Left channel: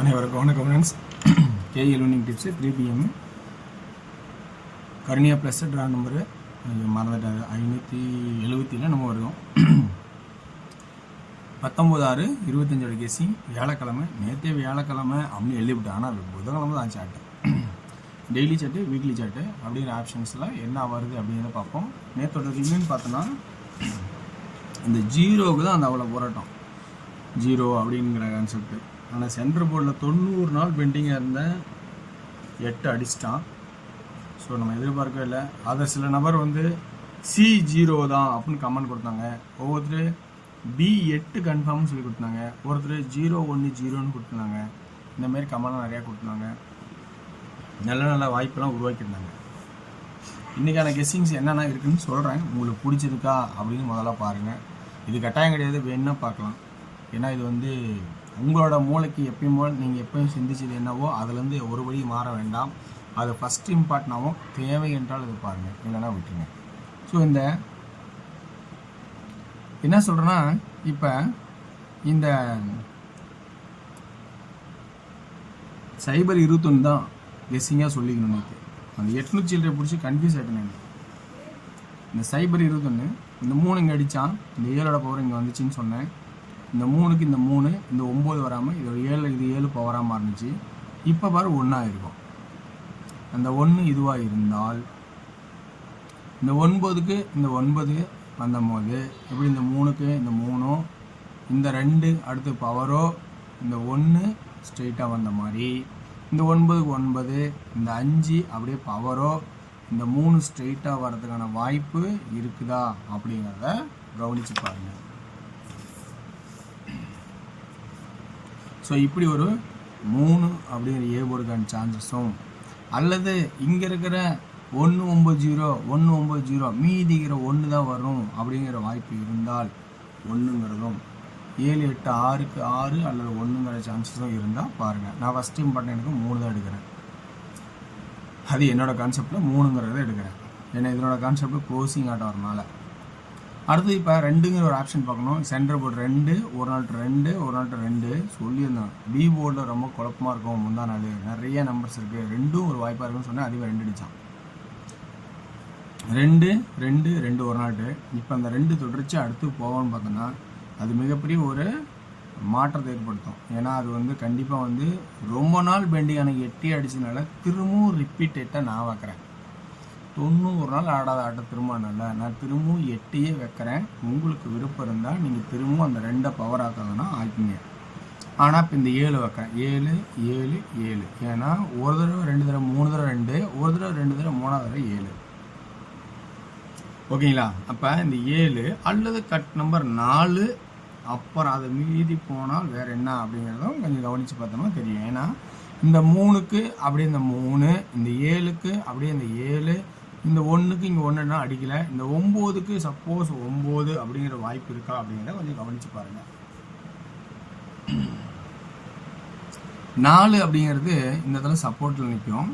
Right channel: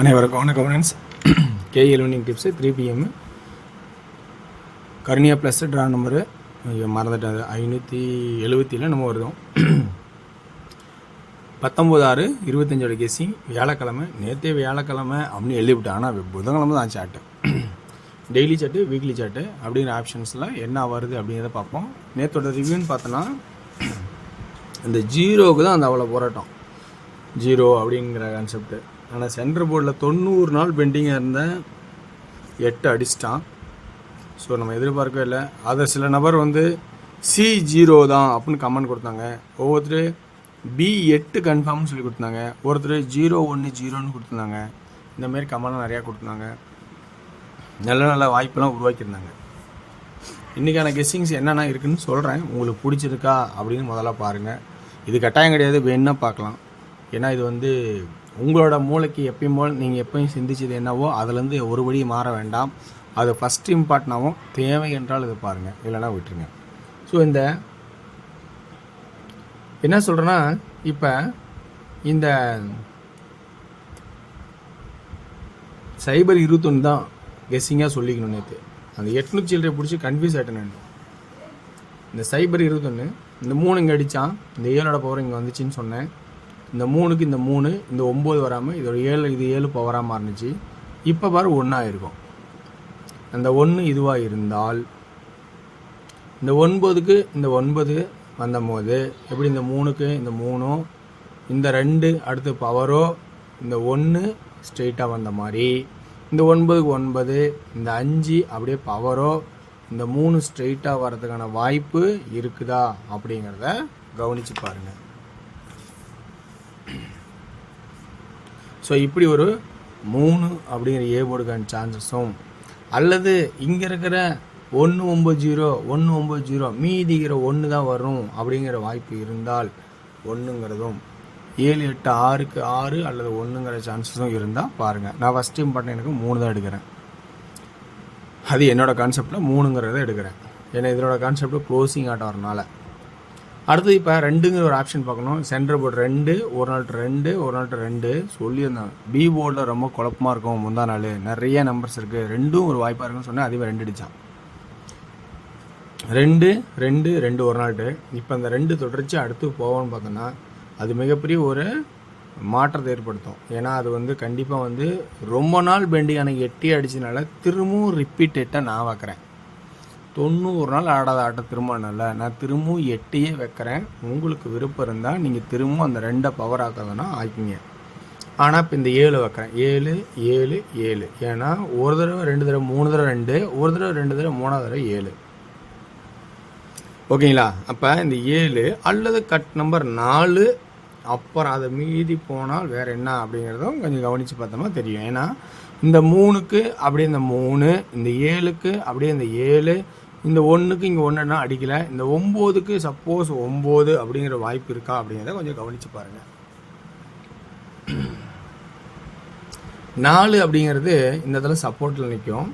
அனைவருக்கும் வணக்கம் friends. KE learning tips 3 PM Karunya plus draw number மறந்துட்டாரு 577 நம்ம வருதோம். 19/6/25 கெஸ்ஸிங் வியாழக்கிழமை. நேற்றே வியாழக்கிழமை அப்படின்னு எழுதிவிட்டேன், ஆனால் புதன்கிழமை தான் சாட்டு. டெய்லி சாட்டு, வீக்லி சாட்டு அப்படிங்கிற ஆப்ஷன்ஸில் என்ன வருது அப்படிங்கிறத பார்ப்போம். நேற்றோட ரிவ்யூன்னு பார்த்தோன்னா அந்த ஜீரோவுக்கு தான் அந்த அவ்வளோ போராட்டம், ஜீரோ அப்படிங்கிற கான்செப்ட்டு. ஆனால் சென்டர் போர்டில் 90 நாள் பெண்டிங்காக இருந்தேன், 8 அடிச்சிட்டான். ஸோ நம்ம எதிர்பார்க்கவே இல்லை. அதை சில நபர் C0 தான் அப்படின்னு கமெண்ட் கொடுத்தாங்க. ஒவ்வொருத்தர் B8 கன்ஃபார்ம்னு சொல்லி கொடுத்தாங்க. ஒருத்தர் 010 கொடுத்துருந்தாங்க. இந்தமாரி கமெண்ட் நிறையா கொடுத்துருந்தாங்க. நல்ல நல்ல வாய்ப்பெல்லாம் உருவாக்கியிருந்தாங்க. இன்றைக்கான கெஸ்ஸிங்ஸ் என்னென்ன இருக்குதுன்னு சொல்கிறேன். உங்களுக்கு பிடிச்சிருக்கா அப்படின்னு முதல்ல பாருங்கள். இது கட்டாயம் கிடையாது, வேணுன்னா பார்க்கலாம். ஏன்னா இது உங்களோட மூளைக்கு எப்பயும் போல் நீங்கள் எப்பயும் சிந்திச்சது என்னவோ அதுலேருந்து ஒருபடி மாற வேண்டாம். அது ஃபஸ்ட் இம்பார்ட்னாகவும் தேவை என்றால் இது பாருங்கள், இல்லைன்னா விட்டுருங்க. ஸோ இந்த என்ன சொல்கிறேன்னா, இப்போ இந்த சைபர் 21 தான் கெஸ்ஸிங்காக சொல்லிக்கணும். நேற்று அந்த 800 சில்லரை பிடிச்சி கன்ஃபியூஸ் ஆகிட்டேன் நான். இந்த சைபர் 21 இந்த 3 இங்கே அடித்தான், இந்த 7ஓட பவர் இங்கே வந்துச்சின்னு சொன்னேன். இந்த 3க்கு இந்த 3, இந்த 9 வராமல் இதோட 7, இது 7 பவராக இருந்துச்சு. இப்போ பாரு 1 இருக்கும். அந்த 1 இதுவாக இருந்தால் இந்த 9க்கு இந்த 9 வந்தபோது எப்படி இந்த 3க்கு இந்த 3, இந்த 2 அடுத்து பவரோ, இந்த 1 ஸ்ட்ரெயிட்டாக வந்த மாதிரி இந்த 9க்கு 9, இந்த 5 அப்படியே பவரோ, இந்த 3 ஸ்ட்ரெயிட்டாக வர்றதுக்கான வாய்ப்பு இருக்குதா அப்படிங்கிறத கவனித்து பாருங்கள். ஸோ இப்படி ஒரு 3 அப்படிங்கிற ஏபோர்டுக்கான சான்சஸும், அல்லது இங்கே இருக்கிற 190 மீதிங்கிற 1 தான் வரும் அப்படிங்கிற வாய்ப்பு இருந்தால் 1ங்கிறதும், 7 8 6க்கு 6 அல்லது 1ங்கிற சான்சஸும் இருந்தால் பாருங்கள். நான் ஃபஸ்ட் இம்பார்ட்டன் எனக்கு 3 தான் எடுக்கிறேன். அது என்னோடய கான்செப்டில் 3ங்கிறத எடுக்கிறேன். ஏன்னா இதனோட கான்செப்டில் க்ளோசிங் ஆட்ட வரனால. அடுத்து இப்போ 2ங்கிற ஒரு ஆப்ஷன் பார்க்கணும். சென்டர் போர்டு 2, ஒரு நாள் 2, ஒரு நாள் 2 சொல்லியிருந்தாங்க. பி போர்டில் ரொம்ப குழப்பமாக இருக்கும். முந்தா நாள் நிறைய நம்பர்ஸ் இருக்குது, 2ம் ஒரு வாய்ப்பாக இருக்குன்னு சொன்னால் அதுவே 2 அடித்தான். 2 2 2 ஒரு நாள். இப்போ அந்த 2 தொடர்ச்சி அடுத்து போவோன்னு பார்த்தோன்னா அது மிகப்பெரிய ஒரு மாற்றத்தை ஏற்படுத்தும். ஏன்னா அது கண்டிப்பாக ரொம்ப நாள் பெண்டிங் அன்றைக்கி 8 அடிச்சதுனால திரும்பவும் ரிப்பீட்டேட்டாக நான் வைக்கிறேன். 90 நாள் ஆடாத ஆட்டம் திரும்ப நல்ல, நான் திரும்பவும் 8 வைக்கிறேன். உங்களுக்கு விருப்பம் இருந்தால் நீங்கள் திரும்பவும் அந்த 2 பவர் ஆக்காதுன்னா ஆக்கிங்க. ஆனால் இப்போ இந்த 7 வைக்கிறேன். 7 7 7, ஏன்னா ஒரு தடவை 2 தடவை 3 தடவை 2, ஒரு தடவை 2 தடவை 3வது தடவை 7. ஓகேங்களா? அப்போ இந்த 7 அல்லது கட் நம்பர் 4, அப்புறம் அதை மீதி போனால் வேறு என்ன அப்படிங்கிறதும் கொஞ்சம் கவனித்து பார்த்தோம்னா தெரியும். ஏன்னா இந்த 3க்கு அப்படியே இந்த 3, இந்த 7க்கு அப்படியே இந்த 7, இந்த 1க்கு இங்கே 1 அடிக்கலை. இந்த 9க்கு சப்போஸ் 9 அப்படிங்கிற வாய்ப்பு இருக்கா அப்படிங்கிறத கொஞ்சம் கவனித்து பாருங்கள். 4 அப்படிங்கிறது இந்த இடத்துல சப்போர்ட்டில் நிற்கும்.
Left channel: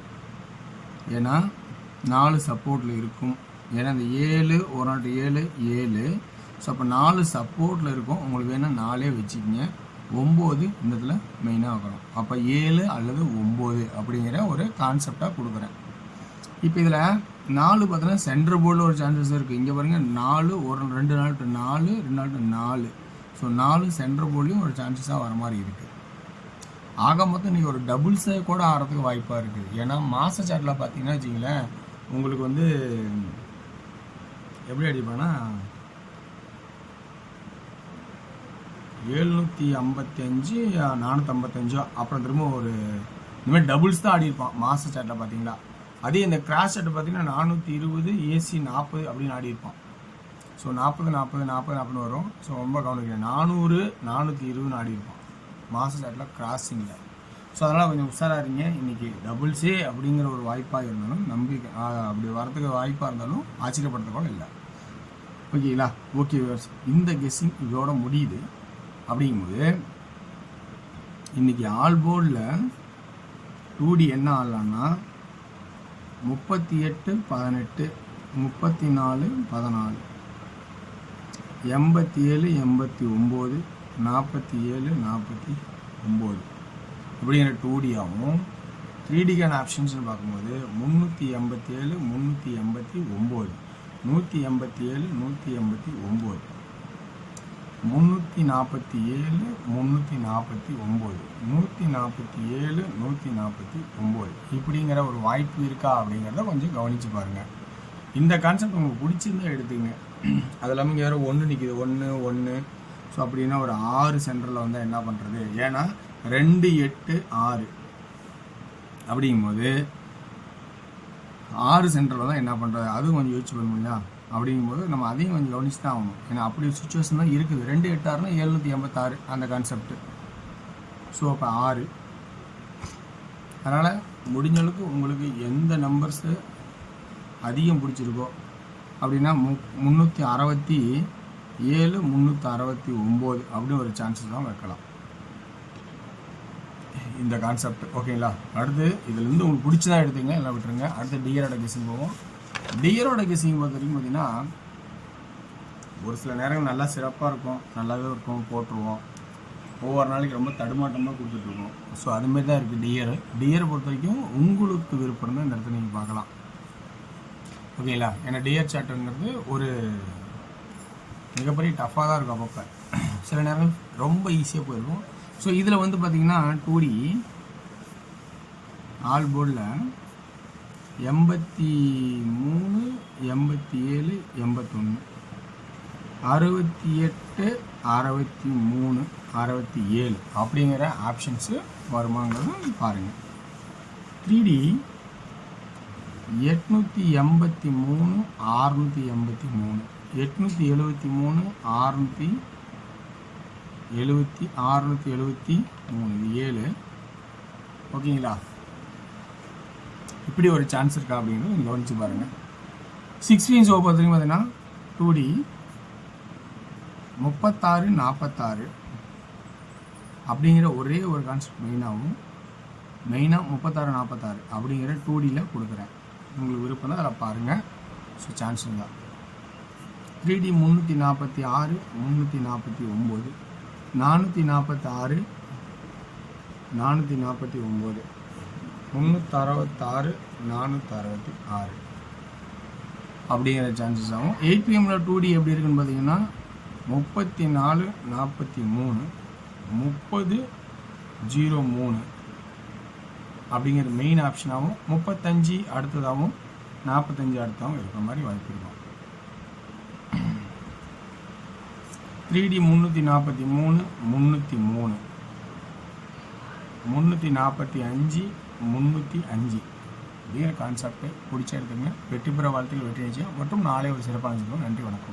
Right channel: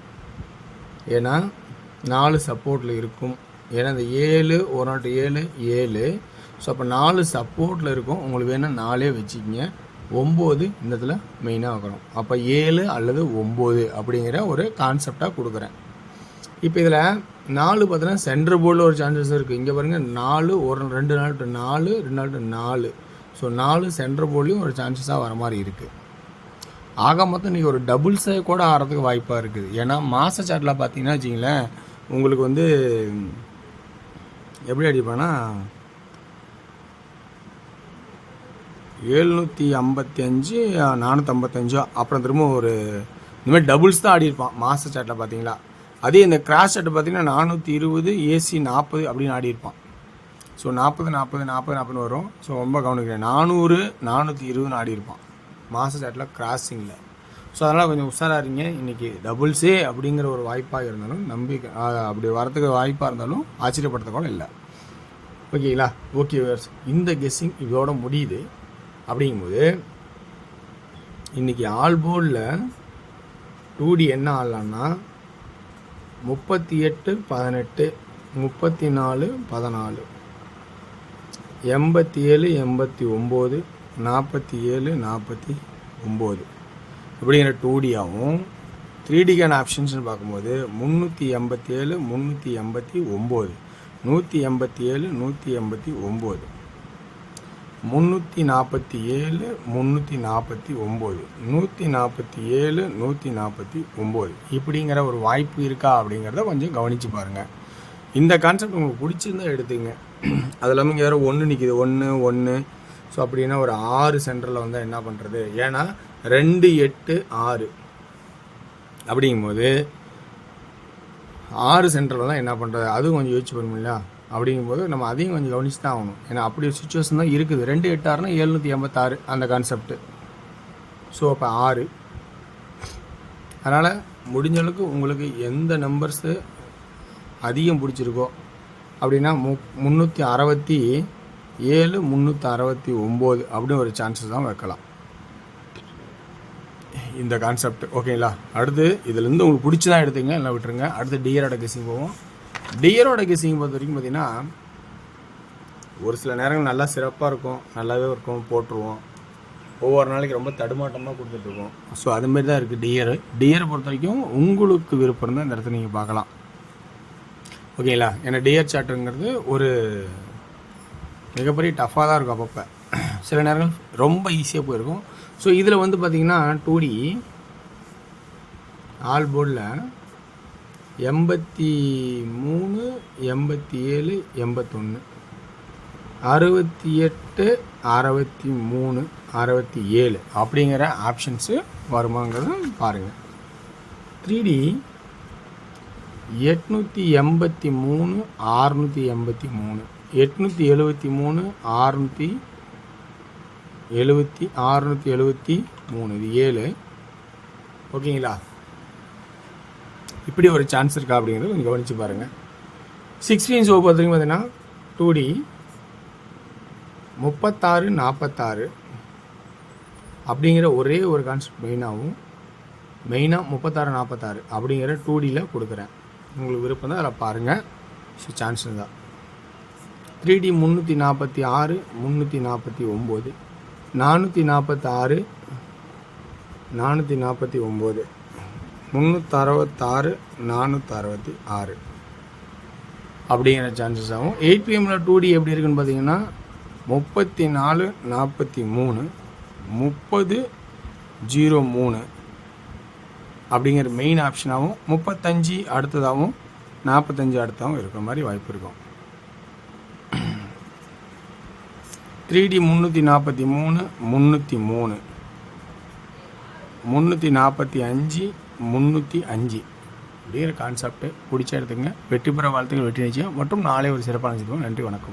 ஏன்னா 4 சப்போர்ட்டில் இருக்கும். ஏன்னா இந்த 7 ஒரு நாள் 7 7, ஸோ அப்போ 4 சப்போர்ட்டில் இருக்கும். உங்களுக்கு வேணும் 4 வச்சுக்கிங்க. 9 இந்த இடத்துல மெயினாக வைக்கணும். அப்போ 7 அல்லது 9 அப்படிங்கிற ஒரு கான்செப்டாக கொடுக்குறேன். இப்போ இதில் 4 பார்த்தீங்கன்னா சென்டர் போர்டில் ஒரு சான்சஸ் இருக்குது. இங்கே பாருங்கள் 4, ஒரு 2 நாள் 4, 2 நாள் 4. ஸோ 4 சென்டர் போர்ட்லேயும் ஒரு சான்சஸாக வர மாதிரி இருக்குது. ஆக மொத்தம் நீங்கள் ஒரு டபுள்ஸை கூட ஆகிறதுக்கு வாய்ப்பாக இருக்குது. ஏன்னா மாத சாட்டில் பார்த்தீங்கன்னா வச்சிங்களேன், உங்களுக்கு எப்படி அடிப்பான்னா 755 455, அப்புறம் திரும்ப ஒரு இந்தமாதிரி டபுள்ஸ் தான் ஆடியிருப்பான் மாத சாட்டில் பார்த்தீங்களா. அதே இந்த கிராஸ் சாட்டு பார்த்தீங்கன்னா 420 AC 40 அப்படின்னு ஆடியிருப்பான். ஸோ 40 40 40 40 வரும். ஸோ ரொம்ப கவனிக்கிறேன். 400 420 ஆடியிருப்பான் மாத சாட்டில் கிராஸிங்கில். ஸோ அதனால் கொஞ்சம் உஷாராக இருங்க. இன்றைக்கி டபுள்ஸே அப்படிங்கிற ஒரு வாய்ப்பாக இருந்தாலும் நம்பிக்கை அப்படி வரத்துக்கு வாய்ப்பாக இருந்தாலும் ஆச்சரியப்படுத்தக்கூட இல்லை. ஓகேங்களா? ஓகே, இந்த கெஸ்ஸிங் இதோட முடியுது. அப்படிங்கும்போது இன்றைக்கி ஆல் போர்டில் 2D என்ன ஆடலான்னா 38 18 34 14 87 89 47 49 அப்படிங்கிற 2Dயாகவும் 3Dக்கான ஆப்ஷன்ஸ்னு பார்க்கும்போது 387 389 187 189 347 349 147 149 இப்படிங்கிற ஒரு வாய்ப்பு இருக்கா அப்படிங்கிறத கொஞ்சம் கவனித்து பாருங்கள். இந்த கான்செப்ட் உங்களுக்கு பிடிச்சிருந்தா எடுத்துங்க. அது இல்லாமல் இங்கே வேறு 1 நிற்கிது 1 1. ஸோ அப்படின்னா ஒரு 6 சென்டரில் வந்து என்ன பண்ணுறது, ஏன்னா 2 8 6 அப்படிங்கும்போது 6 சென்டரில் தான் என்ன பண்ணுறது, அதுவும் கொஞ்சம் யோசிச்சு பண்ண முடியல. அப்படிங்கும்போது நம்ம அதையும் கொஞ்சம் கவனிச்சு தான் ஆகணும். ஏன்னா அப்படி ஒரு சுச்சுவேஷன் தான் இருக்குது. 2 8 6னா 786 அந்த கான்செப்ட்டு. ஸோ அப்போ 6. அதனால் முடிஞ்ச அளவுக்கு உங்களுக்கு எந்த நம்பர்ஸு அதிகம் பிடிச்சிருக்கோ அப்படின்னா 367 369 அப்படின்னு ஒரு சான்சஸ் தான் வைக்கலாம் இந்த கான்செப்ட். ஓகேங்களா? அடுத்து இதுலேருந்து உங்களுக்கு பிடிச்சி தான் எடுத்துங்க, எல்லாம் விட்டுருங்க. அடுத்து டியரோட கெஸிங் போவோம். டியரோட கெஸிங் பொறுத்த வரைக்கும் பார்த்தீங்கன்னா ஒரு சில நேரங்கள் நல்லா சிறப்பாக இருக்கும், நல்லாவே இருக்கும், போட்டுருவோம். ஒவ்வொரு நாளைக்கு ரொம்ப தடுமாட்டமாக கொடுத்துட்ருக்கோம். ஸோ அதுமாரி தான் இருக்குது டியரை பொறுத்த வரைக்கும் உங்களுக்கு விருப்பம் தான் இந்த இடத்துல நீங்கள் பார்க்கலாம். ஓகேங்களா? ஏன்னா டியர் சார்ட்டுங்கிறது ஒரு மிகப்பெரிய டஃப்பாக தான் இருக்கும். அப்பப்போ சில நேரங்கள் ரொம்ப ஈஸியாக போயிருக்கும். ஸோ இதில் வந்து பார்த்திங்கன்னா 2D ஆல் போர்டில் 83 87 81 68 63 67 அப்படிங்கிற ஆப்ஷன்ஸு வருமாங்கிறத பாருங்கள். 3D 883 683 873 673 இது 7. ஓகேங்களா? இப்படி ஒரு சான்ஸ் இருக்கா அப்படிங்கிறது கொஞ்சம் கவனித்து பாருங்கள். 16 ஷோ பார்த்திங்க பார்த்தீங்கன்னா 2D 36 46 அப்படிங்கிற ஒரே ஒரு கான்செப்ட் மெயினாக 36 46 அப்படிங்கிற 2Dயில் கொடுக்குறேன். உங்களுக்கு விருப்பம் தான் அதில் பாருங்கள். ஸோ சான்ஸ் தான். 3D 346 349 446 449 366 466 அப்படிங்கிற சான்சஸ் ஆகும். 8pmல 2D எப்படி இருக்குன்னு பார்த்தீங்கன்னா 34 43 30 03 அப்படிங்கிற மெயின் ஆப்ஷனாகவும் 35 அடுத்ததாகவும் 45 அடுத்ததாகவும் இருக்கிற மாதிரி வாய்ப்பு இருக்கும். 3D 343 303 345 305 அப்படிங்கிற கான்செப்டை பிடிச்ச எடுத்துங்க. வெற்றி பெற வாழ்த்துக்கள், வெற்றி நிச்சயம் மற்றும் நாளை ஒரு சிறப்பான நிகழ்ச்சி. நன்றி, வணக்கம்.